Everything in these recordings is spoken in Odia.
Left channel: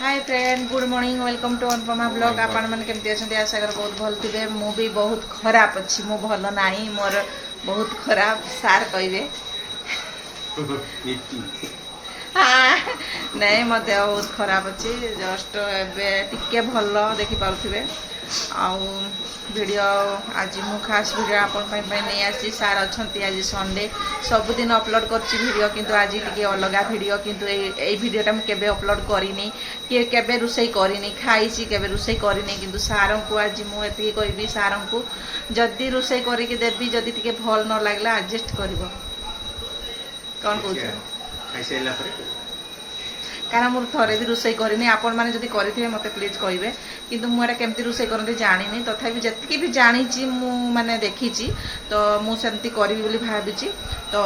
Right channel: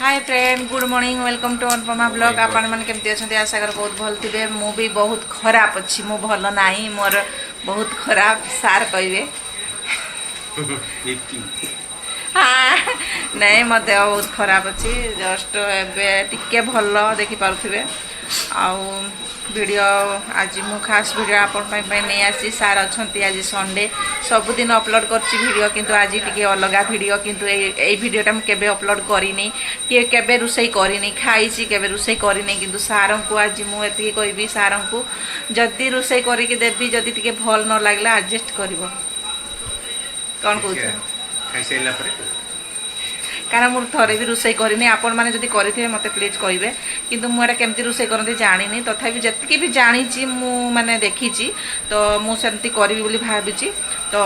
Hi friend good morning welcome to Anupama blog आपण मैंने केमती अच्छा आशा कर बहुत भल थे मु भी बहुत खराब अच्छी मु भल नहीं मोर बहुत खराब सार कहे हाँ नहीं मो देह बहुत खराब अच्छी जस्ट टिके भल देखी पारे वीडियो आज मु खास वीडियो आपण नहीं आसी सार अच्छा आज संडे सबुदिन अपलोड कर किंतु आज टी अलग वीडियो किंतु ए वीडियोटा मुझे अपलोड करनी कि केबे रुसई करनी खाई केबे रुसई करनी किंतु सार को आज मुझे कहबी सार को जदि रुसई करके देवी जदि टी भल न लगला एडजस्ट कर कौन कह कारण मुझे थोड़े भी रोषे करनी आपण मैंने जब करेंगे मत प्लीज कहे कि मुझे केमती रोषे करते जानी तथापि जी भी जानी मैंने देखी तो मुझे करी बोली भावी तो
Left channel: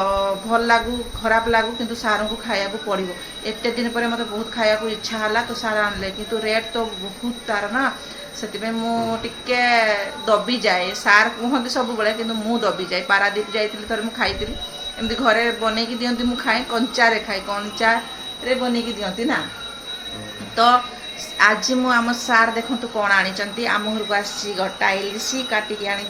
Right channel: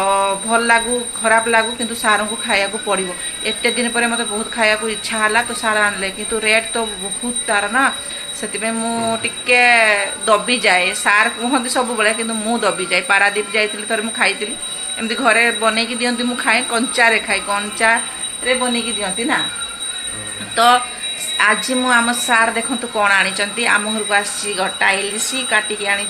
भल लागू खराब लागू किंतु सार को खाया पड़ो एत दिन पर मत बहुत खाया इच्छा है तो सार आनले किंतु रेट तो बहुत तार ना से मुझे दबी जाए सार कहते सब बेले कि दबी जाए पारादीप जाइली थोड़े मुझे खाई एमती घरे बनईकी दिखती मुझे खाए कंचारे खाए कंचा रे बनईकी दिखती ना तो आज मु आम सार देखु कौन आनी आम घर को आसी गटा इलिशी काटिकी आनी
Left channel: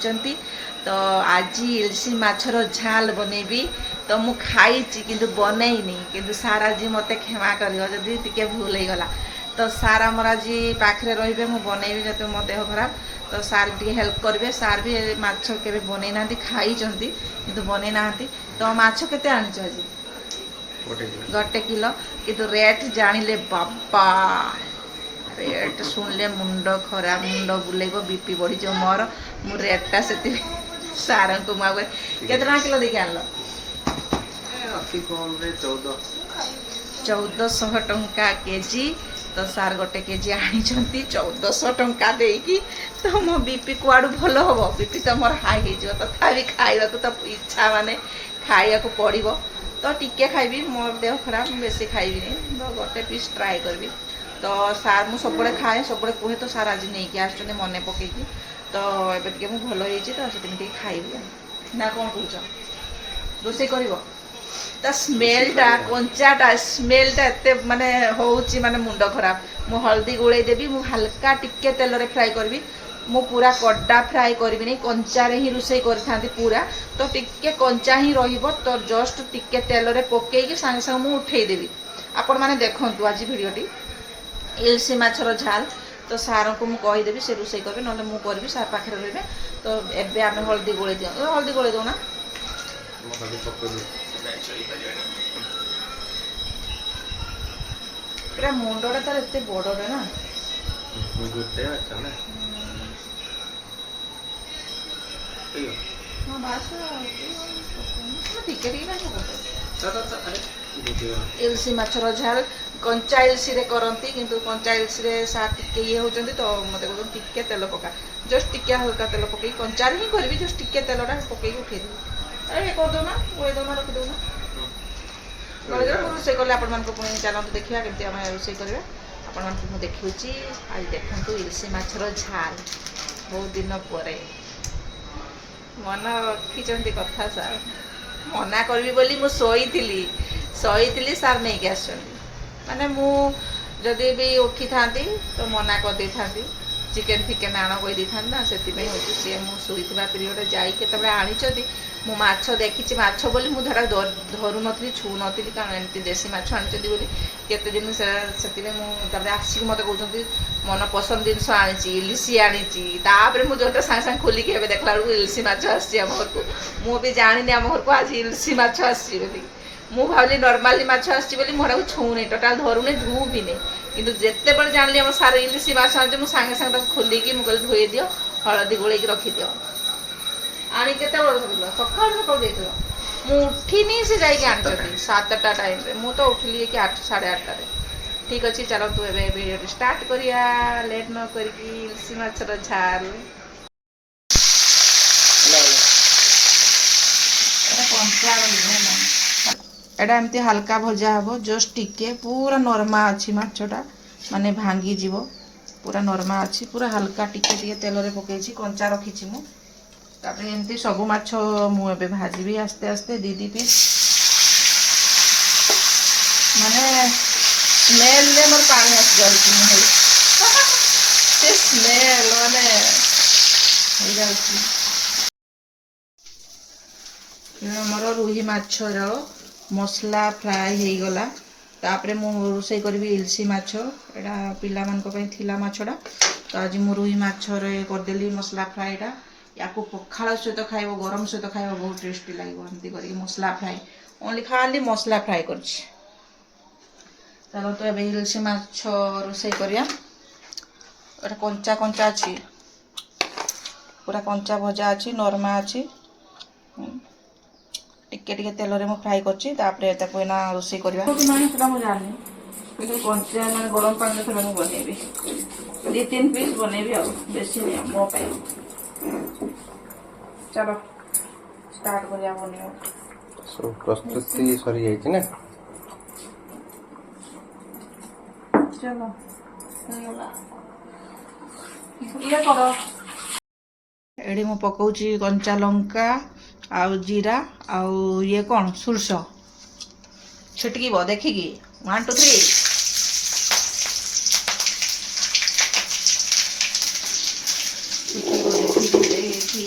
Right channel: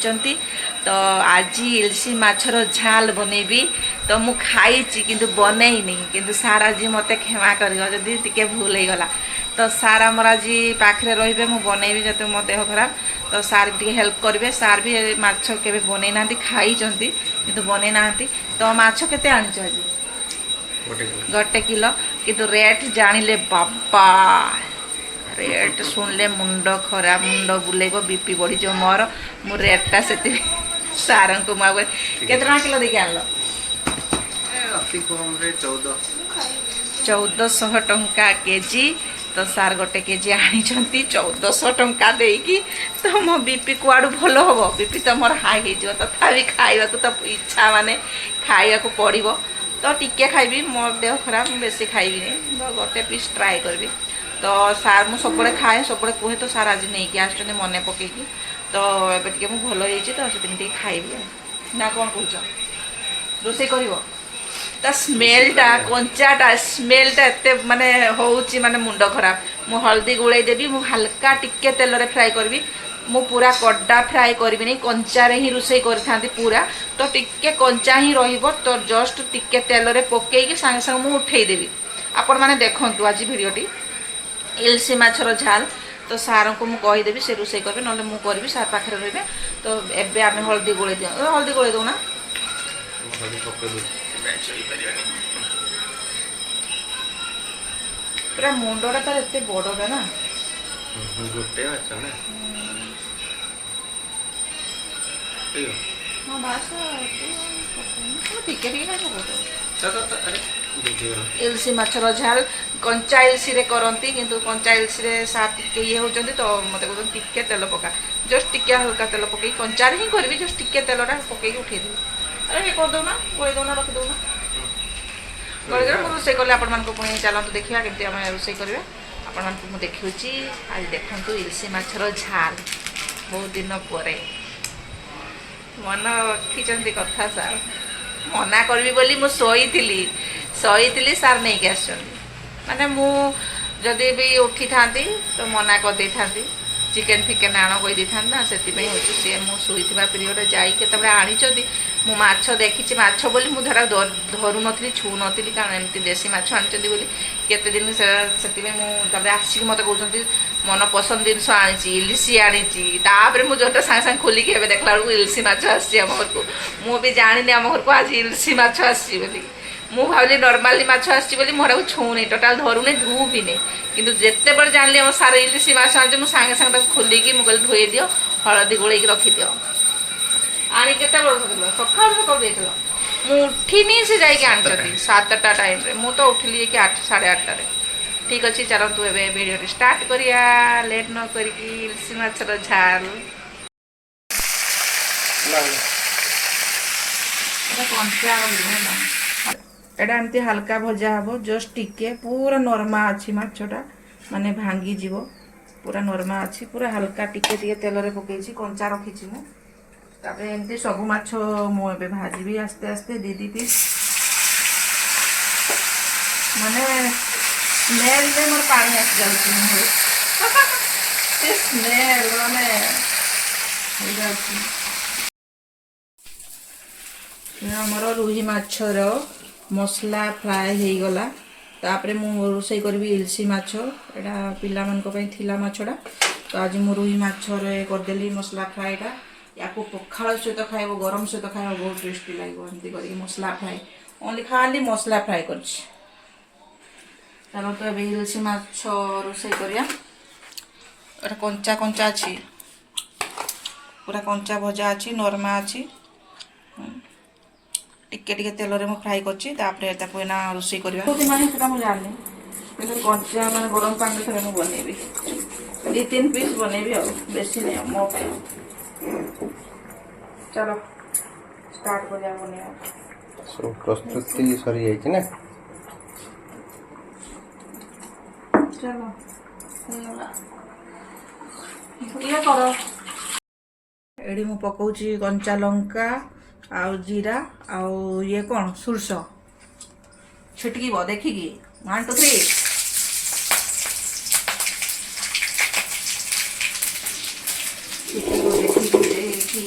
तो आज इलिशी माछर झाल बनैबी तो मु खाई किंतु बनईनी किंतु सार आज मत क्षमा कर जदि टिके भूल हो गला तो सार आमर आज पाखे रे मु बनैबी जब मो देह खराब तो सार टी हेल्प करेंगे सार भी माछ के बनई ना खाई किंतु बनई ना तो माछ केते आनिच आज गोटे किलो किंतु रेट जानिले बाबा रेट सुनले मुंड खराब मुंड बुलेब बीपी बढ़ी जो मोर मु रेटा से सार को मुझे केते किलो देखिए आनल अति कम रे 1400 टंका केजी तो सार गोटे केजी आनी 1400 टंका देकी तो मो बीपी कुआड़ू भल हम बीपी तो मोर हाई हो तथापि खाइबा तो इच्छा माने खाइबा को पड़ो तो टिके खाइबी मोर देह खराब बेसी खाइबी तो गोटे पीस ट्राए करबी तो सार मु सब खाए सब कहे तो सार आज नहीं आस मन पकईकी तो एबे टिके मु भल होइछि तो से खाइबी ना कौन कह रोषे कर स्मेलटा कंचाटा स्मेलटा एत माने होउची माने मुंड खराब मु हल्दी गोले देबी मु हल्का टिके तेल रे फ्राई करबी मु पूरा कड्डा फ्राई करबी नहीं कंचा रे ही रोषे करथांती पूरा तो टिके कंचा ही रहिबो तो जस्ट टिके तेल रे पकेइकी संगे संगे मु उठेई देबी आपण माने देखंतु आज वीडियोटी इलसी माछर झाल तो सार को मु कहि देबी से रोषे करबे नले मु करबी सार पाखरे रहिबे तो एबे आमे हल्दी गोले दियो हल्दी गोले दो ना पूरा मुंडटा तार एते बड़टा ना गोटे अच्छा ना हाँ बास ठीक है इलसी माछर झाल कंचा इलसी रे करंती किंतु कंचा इलसी रे सार टिके ये होचंती तो मते कहन टिके तेल पका जस्ट टिके हल्का तेल पकई कंचा रे ही करबी जस्ट टिके तेलटा पकई उठे देबी अरे ये कर दो ना गोली दो ना रखी दो ना गोली दो रोषे कले आपण मानको पुणी चलंतु देखिबा केमती हम रोषे करबे आपण मानको मु देखिउची आज देखंतु इलसी माछर झाल बहुत दिन परे मन रखी कथा सार मना करी बोली मु शोई सार नहीं के आस माने मु जदि भी उठी था तो मना कर दे था चिकेन फिकेन आण कही था ना से सी मुई पीरियड जाते आनी मु माछ देखी माछ बोली मुझे धरू नी छू नी कारण एमती देसी माछ आनी बोली केते दिन से आसिक मत कहते मन पसंद जिन आनी इलिशी आनी मुझे जोटा सागे सागे खोलिकी देखला बेलू इलिशी माछ आम घर को मुझे जानी आम घर को आज इलिशी माछ आसी मु भाविली नर्माली माछ आसी मोटा छूनी टोटाल धरुनी धू भी नहीं किंतु जिते बड़े जानी आम सार इलिशी माछ आनी मुझे सागे सागे खोलिकी मुझे धोई दियो हलदी गोल रखिदियो आनी के सका सका मु उठिनी से जाइए आनी 7टा टाइम रे मु तो उठिली कि 8 साढ़े 8 ठीक अच्छे चलतु ए वीडियो स्टार्ट करिया लेट न करिकी इलसी माछर झाल एटा एमती हल्का भजा हम जस्ट टिके पूरा नरमा अच्छी माछटा माने भांगी जीव पूरा नरमा अच्छी पूरा हल्का टिके टिके तेल रे पकईची कंचा रखी मु तापर एमती सब माछ मुझे भाजी आस्ते आस्ते दी पीस माने ସ୍ମେଲରେ ମୋର ପାଣି ଆସିଯାଉଛି ମୁହଁରେ। ସେ ସ୍ମେଲ ମାନେ ହେଇଯାଉଛି। ଆମର ରୋହି ମାଛର ମସଲା ଫ୍ରାଏ ହେଇଗଲା। ତାପରେ ମୁଁ ରୋଷେଇ କରିବି ଇଲିଶି ମାଛ। ଏଇଟା ପିଲାମାନଙ୍କ ପାଇଁ ଥିଲା ମାଛଟା, ତ ଆଜି ମୁଁ ରୋହି ମାଛରେ କରିଦେଲି ମସଲା ଫ୍ରାଏଟା। ୟାକୁ ପଖାଳ ସହିତ ଖାଇବ, ଗରମ ସହିତ ଖାଇବ, ବହୁତ ଟେଷ୍ଟି ଲାଗିବ। ଏମିତି କରିକି ମସଲା ଫ୍ରାଏ, ଓନ୍ଲି ଖାଲି ମସଲା ଫ୍ରାଏ କରିଛି। ଚାଲ ତ ଏବେ ଇଲିଶି ମାଛ ରୋଷେଇ କରିବା। ଏଇଟା କଞ୍ଚା କଞ୍ଚା ଅଛି, ପୁରା କଞ୍ଚା ଭଜା ଅଛି, ନରମା ଅଛି। ଟିକେ ଟିକେ ତେଲରେ ମୁଁ ଫ୍ରାଏ କରିଛି। ତାପରେ ତାକୁ ଏଇନା ରୋଷେଇ କରିବା କି ନାହିଁ ସେଟା ମୁଁ ଜାଣିନି, କିନ୍ତୁ କଞ୍ଚା ମାନେ ଗରମ ପାଣିରେ ଥରେ ମୁଁ ବନେଇବି। 2-3 ପିସ୍ ବନେଇବି ଆଉ, ବେଶୀ ନାହିଁ ମୋ ପାଇଁ। ଚାଲ ଷ୍ଟାର୍ଟ କରିବା ବନେଇବା। ସବୁ ପ୍ରସ୍ତୁତି ସରିଯାଇଛି ନା? ଚାଲ ହେଇଗଲା, ଇଏ କର। ଏଠି ମୁଁ ପକଉଛି କଞ୍ଚା ଲଙ୍କା ଆଉ ଜିରା ଆଉ ଇଏ କ'ଣ ସୋରିଷ ଛିଟକିବ ଦେଖିକି। 1 2 3 ଛିଟକିବ ଦେଖିକି ଦେଖି।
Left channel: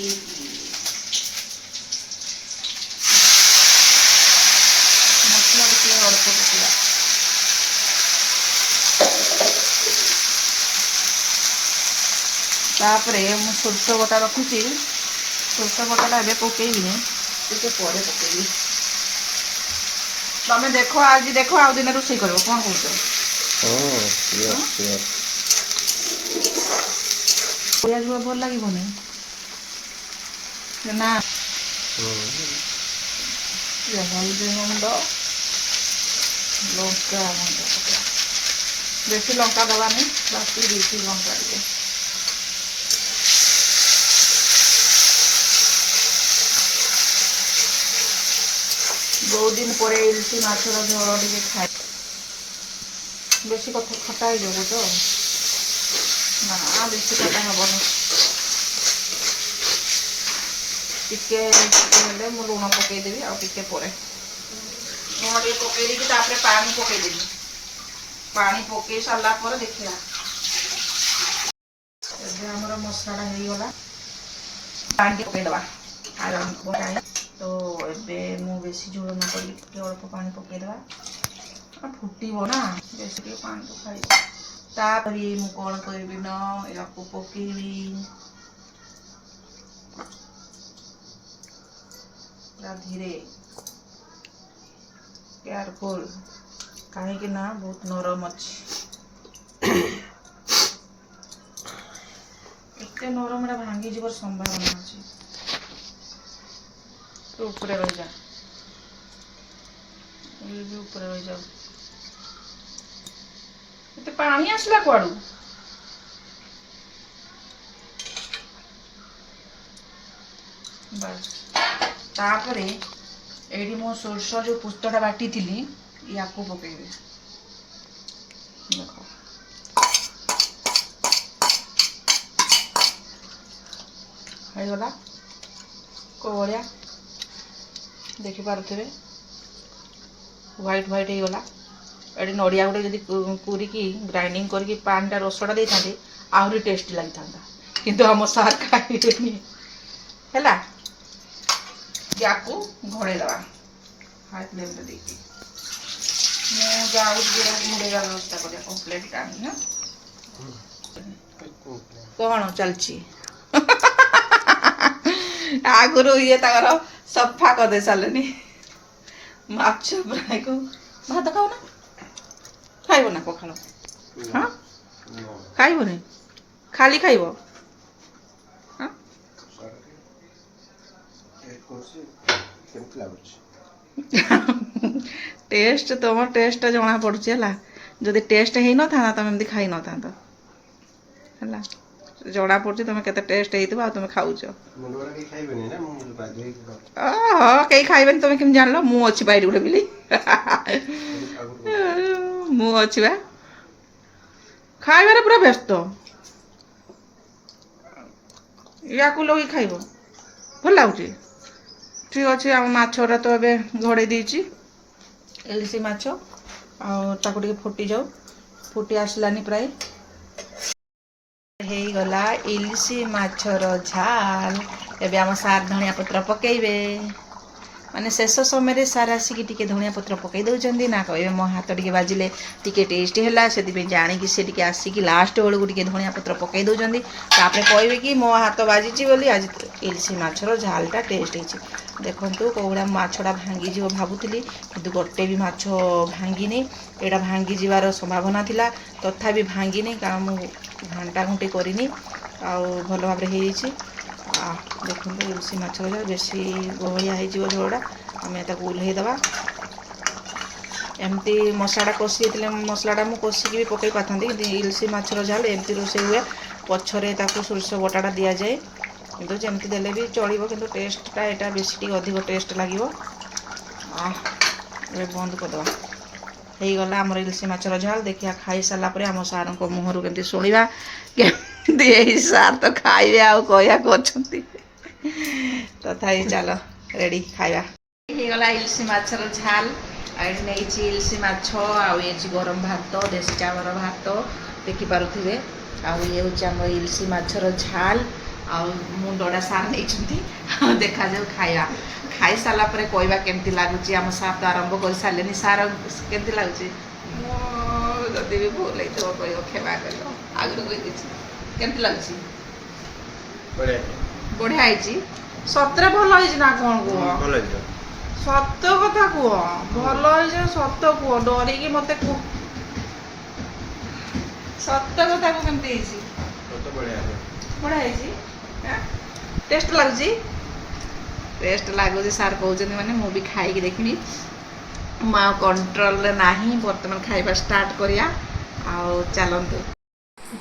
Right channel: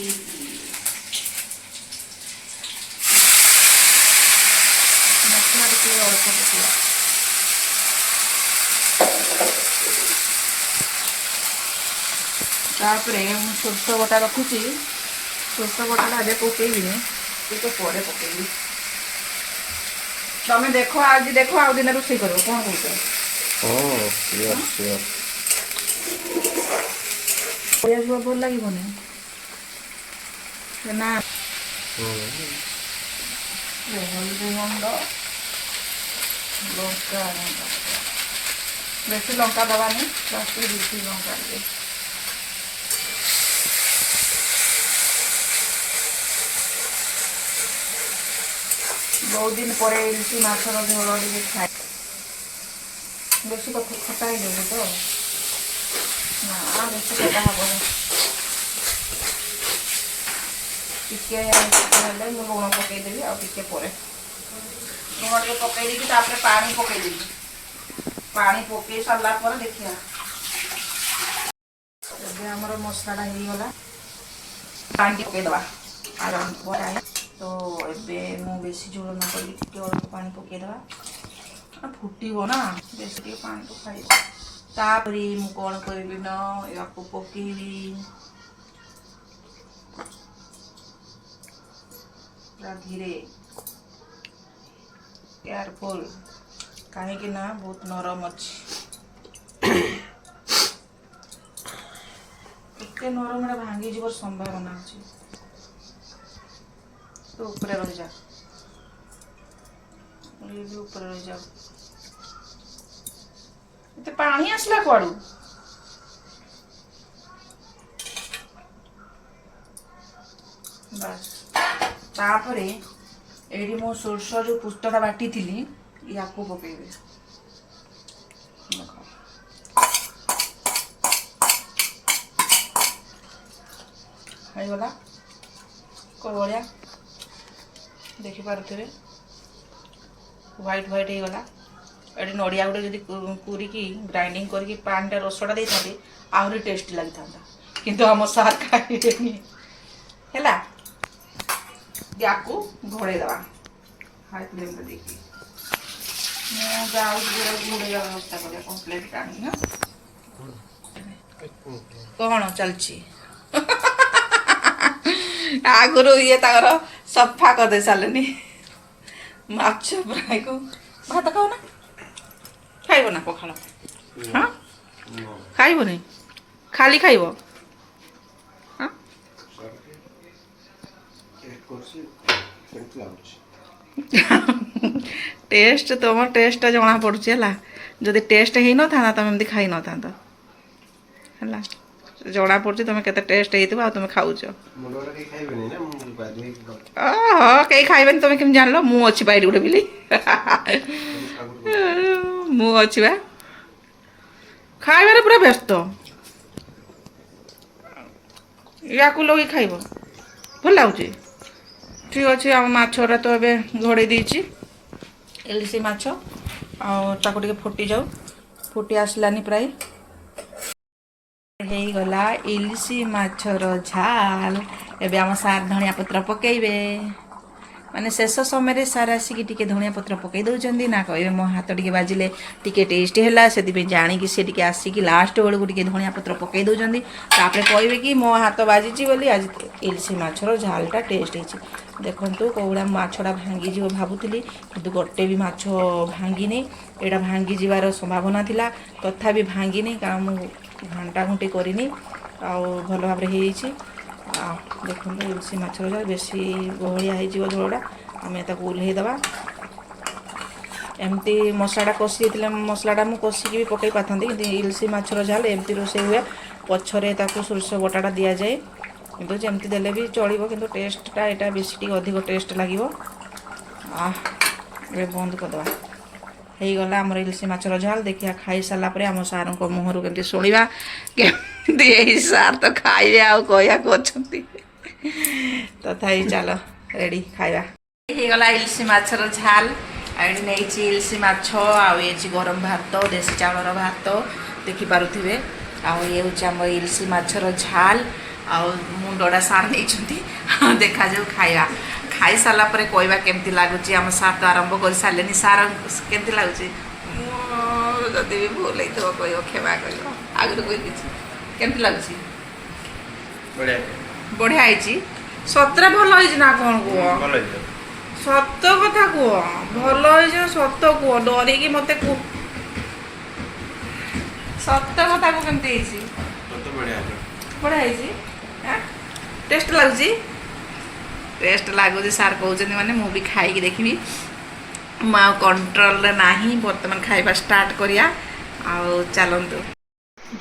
ତାପରେ ମୁଁ ସୋରିଷ ବଟା ରଖିଛି, ସୋରିଷ ବଟାଟା ଏବେ ପକେଇବିନି, ଟିକେ ପରେ ପକେଇବି। ତମେ ଦେଖ, ଆଜି ଦେଖ, ଆଉ ଦିନେ ରୋଷେଇ କରିବ, କ'ଣ କହୁଛ? Sure sure. ପରିବା ଭଲ ଲାଗିବନି ନା? ଲଙ୍କା ବେଶୀ ଲଙ୍କା ଦେବାନି, ବାକି ବେଶୀ ଲଙ୍କା ଟିକେ। ବହୁତ ଦିନ ପରେ ଇଲିଶି ମାଛର ଝୋଳ ଟିକେ ଖାଏ। ବେଶୀ ଖଟା ହେଇଯିବ ତ, ନା ବେଶୀ ଖଟା ହବନି। ଟିକେ ହେଲେ ମୁଁ ଲୁଣ ପକେଇଦେବି, ଆଉ ଟିକେ ପରେ ଲୁଣ ଟିକେ ପକେଇ ଦେଇକି ତାପରେ ପାଣି ପକେଇଦେବି। ପାଣି ପକେଇ ସାରିଲା ପରେ ଦେଖିବା। ଏବେ ଆମର ମସଲାଟା ହେଇଗଲା, ପାଣି ଟିକେ ପକେଇଦେବା। ତ ଏବେ ମୁଁ ବେଶୀ ଝୋଳ ନ କରିକି ଟିକେ ଅଳ୍ପ ପାଣି ପକେଇଦେବା। ଫୁଟିବ ନା, ବେଶୀ ଟିକେ ପାଣି ପକାଇବ। ତାପରେ ମୁଁ କ'ଣ କରିବି ନା, ୟାକୁ ପକେଇବି ପୁରା ଧୀରେ, କେୟାରଫୁଲ, କାହିଁକି ନା ବହୁତ ନରମ ଅଛି। ଏତେ ନରମ ଏଟା ଭାଙ୍ଗିଯିବାର ସମ୍ଭାବନା ଅଛି। ତୁ ଉପରେ ରହିଯା, ଉପରେ ରହିଯା। ଏତେ ପାଣି ଆସିଲା କୁଆଡୁ? ବାସ୍। ତାପରେ ଏଇଠି ମୁଁ ସୋରିଷ ଯେଉଁ ପୁସ୍ତଟା ବାଟିଥିଲି, ୟାକୁ ପକେଇବି। ହେଇଗଲା କୋଭଳିଆ ଦେଖିପାରୁଥିବେ, ହ୍ୱାଇଟ୍ ହ୍ୱାଇଟ୍ ହେଇଗଲା। ଏଠି ନଡ଼ିଆ ଗୋଟେ ଯଦି କୁରିକି ଗ୍ରାଇଣ୍ଡିଙ୍ଗ କରିକି ପାଣିଟା ରସଟା ଦେଇଥାନ୍ତି, ଆହୁରି ଟେଷ୍ଟି ଲାଗିଥାନ୍ତା, କିନ୍ତୁ ଆମ ସାର୍ ଖାଇବେନି। ହେଲା, ୟାକୁ ଘୋଡ଼େଇ ଦେବା ହାଇ ଫ୍ଲେମ୍ରେ ଦେଇକି। ମୁଁ ଯାଉଛି ଘୋଡ଼େଇବା ବ୍ୟବସ୍ଥା କରିବା କମ୍ପ୍ଲିଟ୍ ଟାଇମ୍ ନା। କ'ଣ ଚାଲିଛି? ଆଗରୁ ଇଏ ତାଙ୍କର ସଫା କରିଦେଇ ସାରିଲେନି ମାଛ ଫ୍ରାଏକୁ। ଭାତ ଖାଅ ନା? ଖାଇବ ନା ପଖାଳ? ହଁ, ଖାଇବନି, ଖାଲି ଖାଇବ? ହଁ, ଟେଷ୍ଟ, ତୁମ ଟେଷ୍ଟଟା ଜଣାପଡ଼ୁଛି ହେଲା। ଯଦି ଟେଷ୍ଟ ହେଇନଥାନ୍ତା ତୁମେ ଏମିତି ଖାଇନଥାନ୍ତ ହେଲା। ଜଣାପଡ଼ୁଛି ତୁମେ କେତେ ଟେଷ୍ଟ ହେଇଥିବ, ଆଉ ତୁମେ ଖାଉଛ। କେହି ଖାଇବେନି, ତୁମେ କେମିତି ଜାଣିଲ? ମୁଁ ଅଛି ବା ଏଇଠି ଗୋଟେ ବିଲି, ମୁଁ ଅଛି ବା, ଖାଇବାରେ ପୁରା ବ୍ୟସ୍ତ। ୟାକୁ ଲଗେଇ ଖାଇବ, ଭଲ ଲାଗୁଛି। ଠିକ୍ ଅଛି, ଆମ ମାଛଟା ତ ଏବେ ଘୋଡ଼େଇ ଦେଇଛି, ଇଲିଶି ମାଛ। ताको टिके फुटी जाऊ फुटी आसलानी प्राय ହେଇଗଲା ଇଲିଶି ମାଛର ଝାଲ। ଏବେ ଆମ ସାର୍ ଧଣିଆ ପତ୍ର ପକେଇବେ ମାନେ ଶେଷ ସମୟରେ ସାର୍ ଆସିକି ଟିକେ ଧଣିଆ ପତ୍ର ପକେଇ ଦେଉଛନ୍ତି ନା କହିବେ ମୋ ହାତ ଟିକେ ବାଜିଲେ ଟିକେ ଟେଷ୍ଟ ହେଲା ସେଥିପାଇଁ ଜାଣିକି ସେ ଟିକେ ଆସିକି ଲାଷ୍ଟ ବେଳକୁ ଟିକେ ଧଣିଆ ପତ୍ର ପକେଇ ଦେଉଛନ୍ତି ତାପରେ କହିବେ କି ମୋ ହାତ ବାଜିଛି ବୋଲି ଆଜି ଇଲିଶି ମାଛର ଝାଲଟା ଟେଷ୍ଟ ହେଇଛି। ଦେଖନ୍ତୁ କେଉଁଭଳିଆ ମାଛଟା ଭାଙ୍ଗିଯିବ ଭାବୁଥିଲି କିନ୍ତୁ ଗୋଟେ ବି ମାଛ ଭାଙ୍ଗିନି। ଏଇଟା ଭାଙ୍ଗିଯିବାର ସମ୍ଭାବନା ଥିଲା ତଥାପି ଭାଙ୍ଗିନି କାରଣ ମୁଁ ଘାଣ୍ଟା ଘୁଣ୍ଟି କରିନି ଆଉ ଭଲ ଭାବରେ ହେଇଯାଇଛି। ଦେଖନ୍ତୁ ଇଲିଶି ମାଛର ଝାଳ ବେଶୀ ବହଳିଆ ହେଇଯିବ ଝୋଳଟା ଆମେ ତାକୁ ଓହ୍ଲେଇ ଦେବା। ଏମିତି ମସଲାଟା କଷି ଦେଇଥିଲେ ମସଲାଟା ମୁଁ କଷିକି ବି ପକାଇ ପାରିଥାନ୍ତି କିନ୍ତୁ ଇଲିଶି ମାଛର ଝାଲ ଏମିତି ରୋଷେଇ ହୁଏ ପଛରେ ତାକୁ ସୋରିଷ ବଟାଟା ଦିଆଯାଏ କିନ୍ତୁ ଯେମିତି ଦେଲେ ବି ଚଳିବ କିନ୍ତୁ ଟେଷ୍ଟଟା ଏଇଟା ବେଶୀ ଟିକେ ଅଧିକ ଟେଷ୍ଟ ଲାଗିବ। ଏବେ ବନ୍ଦ କରିଦେବା। ହେଇଗଲା ଆମର ଇଲିଶି ମାଛର ଝାଲ। ଦେଖିବା ଖାଇସାରିଲା ପରେ ଆମ ସାର୍ଙ୍କ ମୁହଁରୁ କେମିତି ଶୁଣିବା କେମିତି ଏଇ ସାର୍ ତ ଖାଇବେ ଆଉ କହିବାକୁ ଅଛନ୍ତି ତଥାପି ଚାଲ ରେଡ଼ି ଖାଇବା। ହେଇଗଲା ଇଲିଶି ମାଛର ଝାଲ ଆଉ ଏଠି ନେଇଛି ଇଲିଶି ମାଛ ଆଉ ଇଏ ହେଉଛି ଗରମ ଭାତ ଦେଶୀ ଚାଉଳର ଭାତ ଦେଖିପାରୁଥିବେ ଆଉ ଇଏ ହେଉଛି ଆମର ଇଲିଶି ମାଛର ଝାଲ ଆଉ ମୁଣ୍ଡଟା ସାର୍ ନେଇଛନ୍ତି ଦେଖାଯାଉ ଖାଇବା। ଖାଇସାରିଲା ପରେ କହିବା କେମିତି ଲାଗୁଛି। ଆମ ସାର୍ ତ ଆରମ୍ଭ କରିସାରିଲେନି ସାର୍ କେମିତି ଲାଗୁଛି ଯଦି ବି ଭୁଲ ହେଇଥିବ କହିବ କ୍ଷମା କରିବ ଆଗରୁ କହିଦେଇଛି। କେମିତି ଲାଗୁଛି? ବଢ଼ିଆ ହେଇଛି। ସତରେ ଭଲ ହେଇଛି ନା କ'ଣ କୁହ? ସତ କଥା କୁହ ଭଲ ହେଇଛି ନା ସତ କୁହ ଡରିକି ମତେ କୁହ ସତ କଥା କୁହ କେମିତି ହେଇଛି? ବଢ଼ିଆ ହେଇଛି। ଟେଷ୍ଟ ଲାଗୁଛି? ଟେଷ୍ଟ ଲାଗୁଛି ସାର୍ କହୁଛନ୍ତି ମାନେ ମୁଁ ବି ଖାଇକି ଦେଖିବି। ମୁଁ ଆଉ କଣ୍ଟ୍ରୋଲରେ ନାହିଁ ବର୍ତ୍ତମାନ ଖାଇବା ଷ୍ଟାର୍ଟ କରିବା ଆଉ ଚାଲନ୍ତୁ।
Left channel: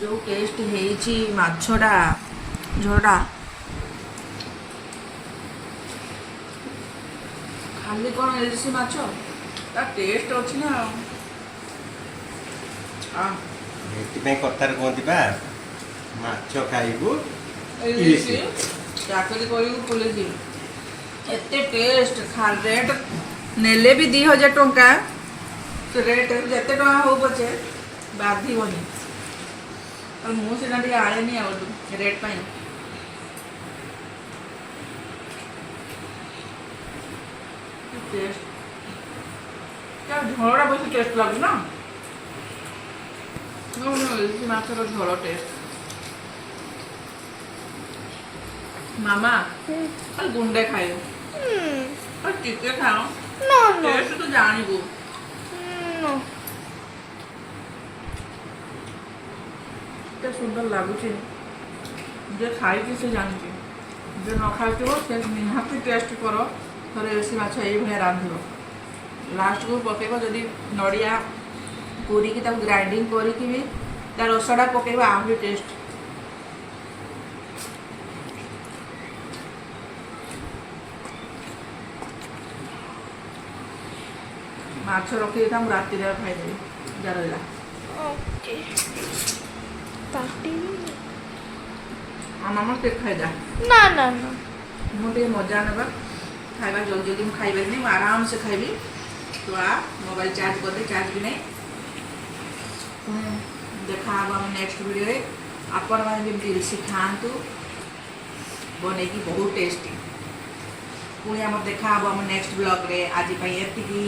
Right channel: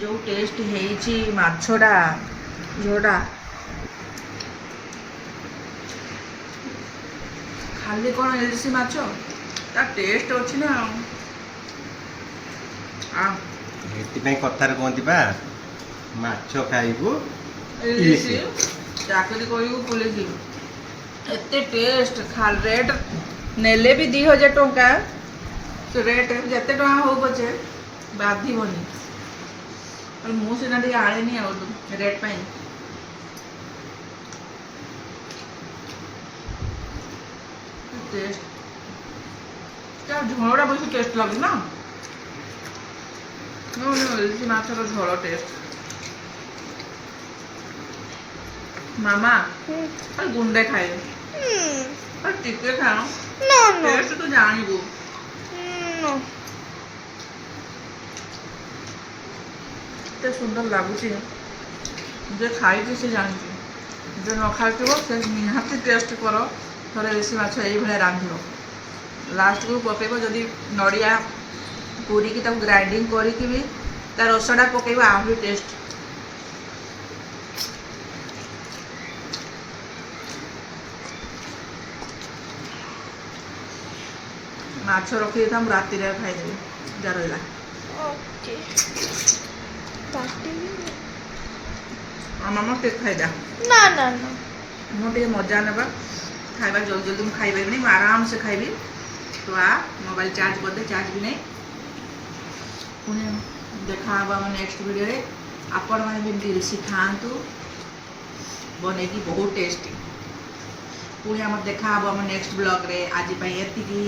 ଯେଉଁ ଟେଷ୍ଟ ହେଇଛି ମାଛଟା ଝୋଳଟା ଖାଲି କ'ଣ ଇଲିଶି ମାଛ ତା ଟେଷ୍ଟ ଅଛି ନା ଏଥିପାଇଁ କଥାରେ କୁହନ୍ତି ବା ମାଛ ଖାଇବୁ ଇଲିଶି ଚାକିରି କରିବୁ ପୁଲିସ ଏତେ ଟେଷ୍ଟ ରେଟ୍ ନେଲେ ବି 2000 ଟଙ୍କା ସେ ରେଟ୍ ଯେତେ ଟଙ୍କା ହଉ ପଛେ ବାଧିବନି। ମୁଁ ସିନା ଟିକେ ଆଣେନି ଆଉ ରେଟ୍ ପାଇଁ। ଟେଷ୍ଟ ଝୋଳଟା ବେଶୀ ଟେଷ୍ଟ ଲାଗୁଛି ନା ଇଲିଶି ମାଛର ଝୋଳ ଟେଷ୍ଟ। ମାମା ଖାଲି ଗୁଣ୍ଡେ ଖାଇବେ ଖାଲି ଟିକେ ଖାଅ ଟେଷ୍ଟ ତୁ ଜାଣିବୁ। ଏତେ ସୁନ୍ଦର ଲାଗୁଛି ଯେ ଖାଇଛି ସେ ଜାଣିଛି ଯେ ନ ଖାଇଥିବ ସେ ନିହାତି ଟେଷ୍ଟ କର ଥରେ ଇଲିଶି ମାଛ ଏଇଭଳିଆ ରାନ୍ଧିବ। ଲାଷ୍ଟକୁ ପକାଇବ ଯଦି ନଡ଼ିଆ କୋରିକି ତାକୁ ଗ୍ରାଇଣ୍ଡିଙ୍ଗ କରିକି ବି ତା ରସଟା ପକାଇବ ଆହୁରି ଟେଷ୍ଟ। ମାଛ ରଖିଦେଇଥା ମୁଁ ରାତିରେ ଖାଇଦେବି ଯା ରହିଲା। ମାମା ଟିକେ ଖାଇଦା ନା ନା ନା ମୁଁ ଟିକେ ମଜା ନେବା ଖାଇବା ଜଲ୍ଦି ଜଲ୍ଦି ମୁଁ ଖାଇପାରିବିନି ମୁଁ ଆରାମସେ ଖାଇବି। ତୁ ମୋବାଇଲ ଚାର୍ଜ କରିଦେ ଚାର୍ଜ ବି ନାହିଁ। ପୁଣି ଦେଖାହେବ ଆମ ନେକ୍ସଟ ଭିଡ଼ିଓରେ। ଆପଣମାନେ ବି ଏମିତି ଇଲିଶି ଖାଆନ୍ତୁ ବନେଇକି ବହୁତ ଟେଷ୍ଟି। ପୁଣି ଆମର ଦେଖାହେବ ଆମ ନେକ୍ସଟ ବ୍ଲଗ୍ରେ। ଆଜି ପାଇଁ ଏତିକି।